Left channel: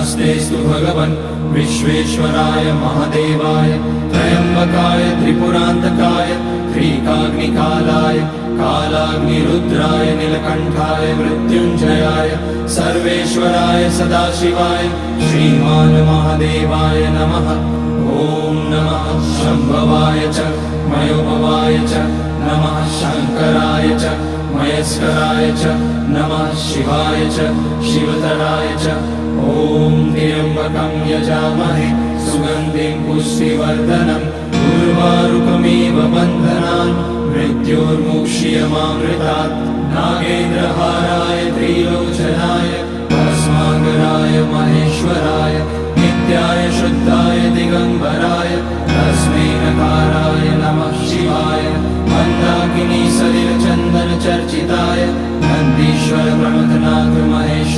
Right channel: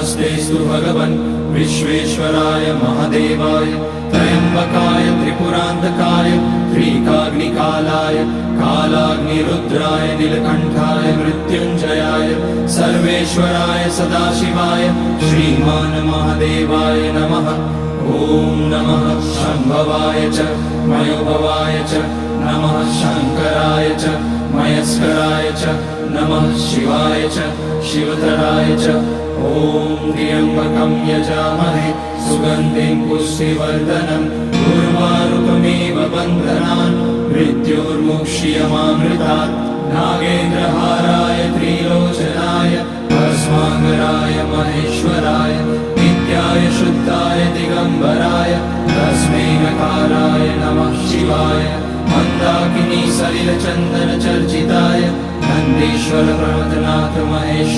नमस्तेस्तु भगवन् विश्वेश्वराय महादेवाय त्र्यम्बकाय त्रिपुरान्तकाय त्रिकाग्निकालाय कालाग्निरुद्राय नीलकण्ठाय मृत्युञ्जयाय सर्वेश्वराय सदाशिवाय श्रीमान् महादेवाय नमः। ॐ नमः शम्भवाय च मयोभवाय च नमः शङ्कराय च मयस्कराय च नमः शिवाय च शिवतराय च। ॐ त्र्यम्बकं यजामहे सुगन्धिं पुष्टिवर्धनम् उर्वारुकमिव बन्धनान् मृत्योर्मुक्ष्यमामृतात्। नागेन्द्रहाराय त्रिलोचनाय भस्माकराय महेश्वराय नित्याय शुद्धाय दिगम्बराय तस्मै नकाराय नमः शिवाय। मन्दाकिनी सलिलचन्दन चर्चिताय नन्दीश्वर प्रमथनाथ महेश